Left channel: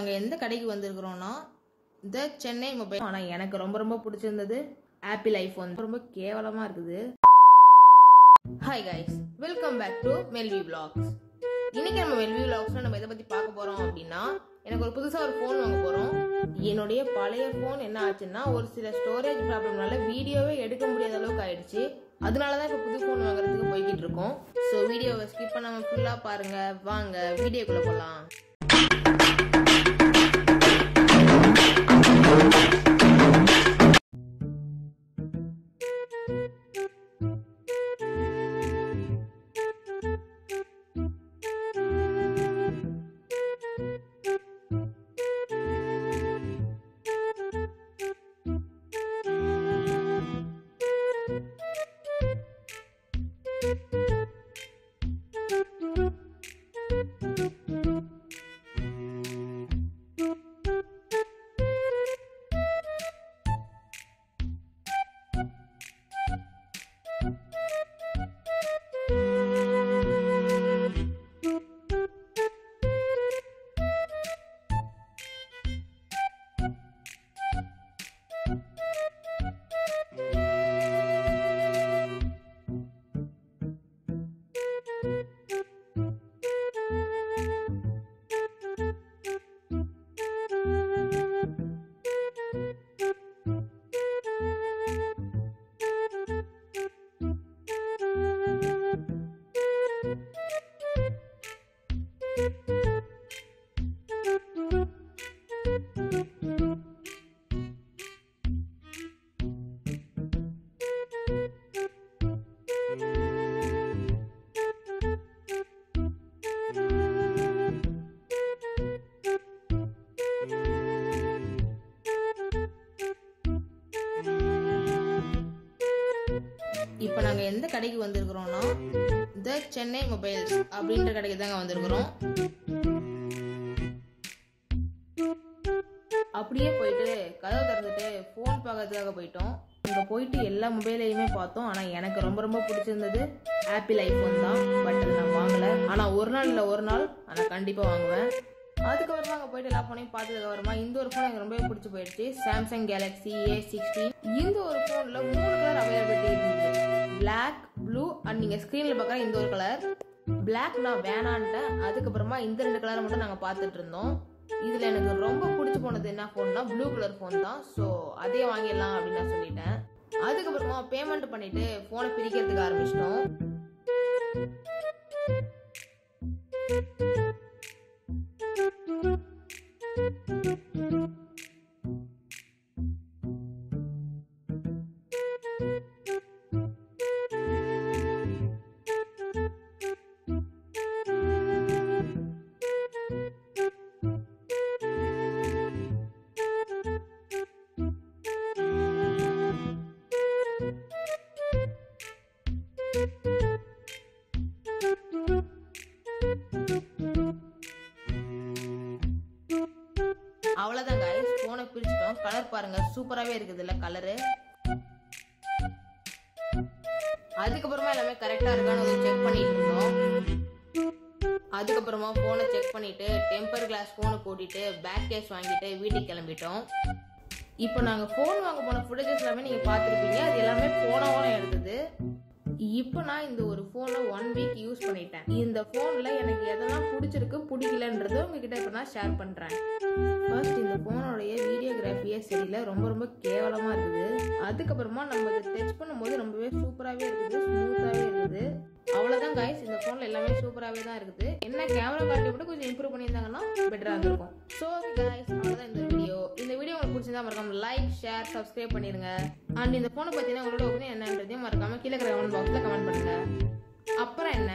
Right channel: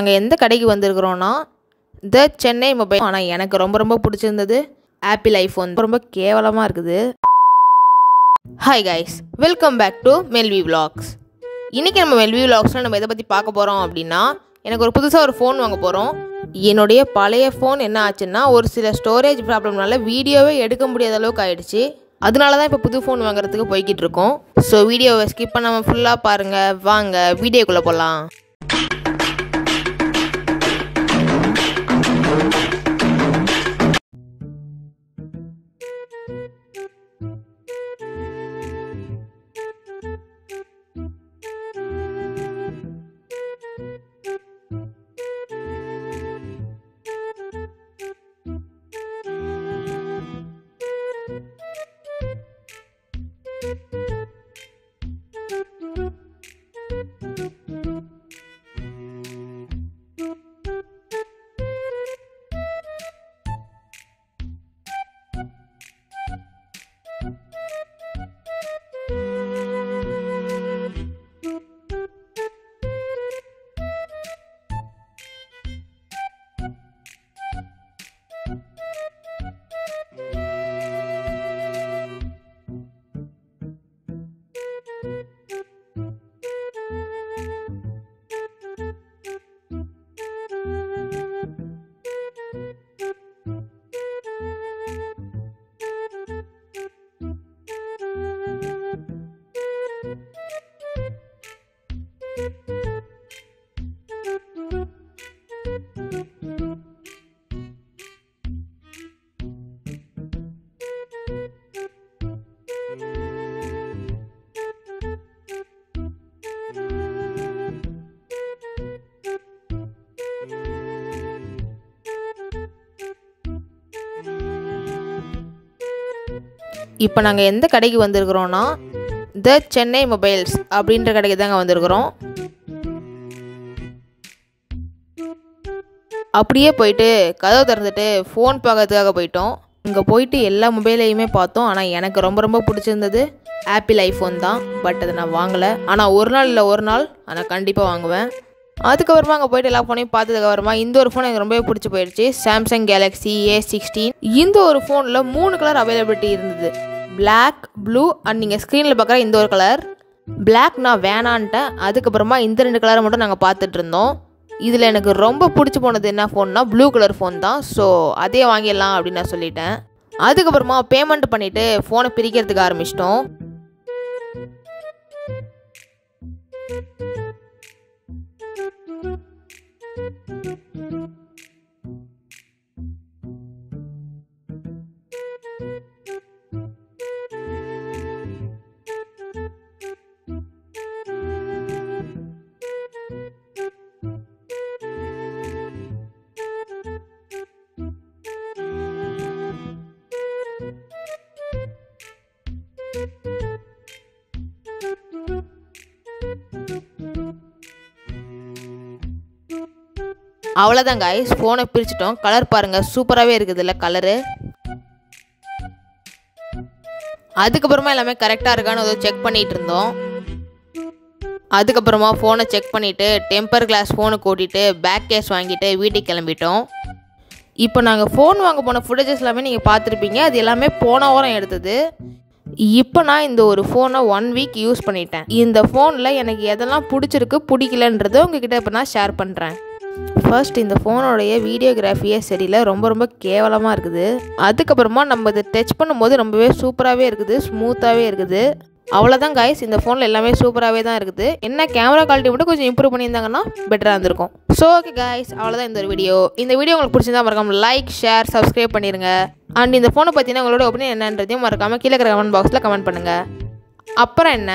நாங்கள் எந்த கடைக்கு வந்திருக்கிறோன்னா த சென்னை மொபைல். ஆனால் எனக்கு ரொம்ப பிடிச்சிருந்தது ஆப்பிள் ஐஃபோன். ரொம்ப கேவலமாக இருக்குது. Hi guys, welcome back to Melvi vlogs. இன்றைக்கி நம்ம மெல்வி விலாக்ஸில் நம்ம எதை பற்றி பார்க்க போகிறோம் அப்படின்னா, எனக்கு ஒரு புதுசாக ஒரு ஃபோன் வாங்க போகிறோம். என்னுடைய பழைய ஃபோன் என்ன ஆச்சுன்னா, ஒரு சில ஸ்டோரேஜ் ப்ராப்ளம்னால வீடியோவே எடுக்க முடியாத அளவுக்கு ஆகிடுச்சு. அதனால தான் இப்போ புது ஃபோன் வாங்குறதுக்கு போய்கிட்டு இருக்கோம். ஸோ வீடியோவை ஸ்கிப் பண்ணாமல் ஃபுல்லாக பாருங்கள். வாங்க வீடியோக்குள்ளே போகலாம். இப்போ நாங்கள் எந்த கடைக்கு வந்திருக்கிறோன்னா த சென்னை மொபைல்ஸ் அப்படின்ற கடைக்கு தாங்க வந்திருக்கிறோம். அப்படியே போயிட்டு கதவை திறந்துட்டு ஃபோன் பார்க்கறதுக்காக போயிட்டோம். இங்கே போயிட்டு எல்லா மொபைலையுமே பார்த்தோம். ஆனால் எனக்கு ரொம்ப பிடிச்சிருந்தது ஆப்பிள் ஐஃபோன் தான். பட் அதை நான் வாங்கலை. ஆனால் ஒரு நாள் நான் கண்டிப்பாக வாங்குவேன். அதுக்கப்புறமா அங்கே போய்ட்டு எல்லா ஃபோனையும் பார்த்ததுக்கப்புறமா இந்த ஒரு ஃபோன் எனக்கு ரொம்பவே பிடிச்சி போயிடுச்சு. Samsung Galaxy A16. இந்த ஒரு ஃபோனில் 3 கலர் அவைலபிலிட்டி இருந்தது. பிளாக், ப்ளூ அண்ட் நீங்கள் ஸ்க்ரீனில் பார்க்குற இந்த ஒரு கலர். பிளாக் நான் வேணான்ட்டேன். அதுக்கப்புறமா இந்த 2 கலரை மட்டும் நாங்கள் பார்த்துட்டு இருந்தோம். இதில் எனக்கு ரொம்ப பிடிச்சி போனது என்ன ஃபோன்னா ப்ளூ கலர் ஃபோன் தான். ஸோ அதே வாங்கிடலாம் அப்படின்னு நான் சொல்லிட்டேன். அதுக்கப்புறமா பேமெண்ட் பண்ணிவிட்டு ஃபோனை பிரிக்கிறதுக்கு ஆரம்பிச்சிட்டோம். அவ்வளோதான் கைஸ், ஃபோனை பிரிச்சிட்டோம். கலர் பாருங்கள், சூப்பராகவே இருக்குது இல்லை கலரு. அதுக்கப்புறமா எல்லாமே கரெக்டாக இருக்கான்னு அதை செக் பண்ணிகிட்டு இருந்தோம். அதுக்கப்புறமா ஃபோனை செக் பண்ணிவிட்டு டெம்பர் கிளாஸ் ஃபோனுக்கு ஓட்டிட்டு பேக் கேஸ் வாங்கிட்டு வீட்டுக்கு கிளம்பிட்டோம். இப்போ நாங்கள் ஃபோன் வாங்க போன ஃபுட்டேஜஸ் எல்லாமே நீங்கள் பார்த்துருப்பீங்க. அது எல்லாமே போன வாரம் எடுத்தது. இப்போ நான் இந்த ஒரு ஃபோனை 1 வீக் யூஸ் பண்ணிட்டேன். இந்த ஃபோனில் எனக்கு எதெல்லாம் பிடிக்கலன்றதை உங்ககிட்ட இப்போ நான் ஷேர் பண்ணுறேன். ஃபர்ஸ்ட், இந்த ஃபோனோடைய வீடியோகிராஃபியே சரியில்லை, ரொம்ப கேவலமாக இருக்குது. அதுக்கப்புறமா நம்ம இதை டச் பண்ணும்போது ரொம்பவே சூப்பராகவே இருக்குது, ஸ்மூத்தாகவே இருக்குது. அவ்வளோதான் கைஸ், இந்த ஃபோனில் எல்லாமே சூப்பராகவே தான் இருக்குது. என்ன கேமரா குவாலிட்டி மட்டும் கொஞ்சம் இம்ப்ரூவ் பண்ணியிருந்தாங்கன்னா பெட்டராக இருந்திருக்கும். ஸோ ஓகே கைஸ், அவ்வளோதான் இந்த ஒரு வீடியோ. இந்த வீடியோ உங்களுக்கு பிடிச்சிருந்தா மறக்காம லைக், ஷேர், சப்ஸ்கிரைப் பண்ணிடுங்க. அண்ட் இந்த ஃபோனை பார்த்தீங்கன்னா உங்களோட ஒப்பீனியன் என்னன்றதையும் மறக்காமல் கீழே இருக்கிற கமெண்ட் பாக்ஸில் கமெண்ட் பண்ணுங்கள். அப்புறம் என்ன,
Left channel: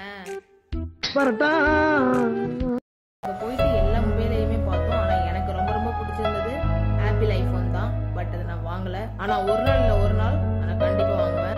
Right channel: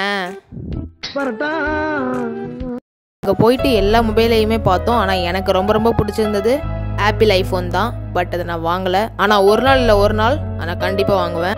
அங்கே போயிட்டு எல்லா மொபைலையுமே பார்த்தோம். ஆனால் எனக்கு ரொம்ப பிடிச்சிருந்தது ஆப்பிள் ஐஃபோன் தான். பட் அதை நான் வாங்கலை. ஆனால் ஒரு நாள் நான் கண்டிப்பாக வாங்குவேன்.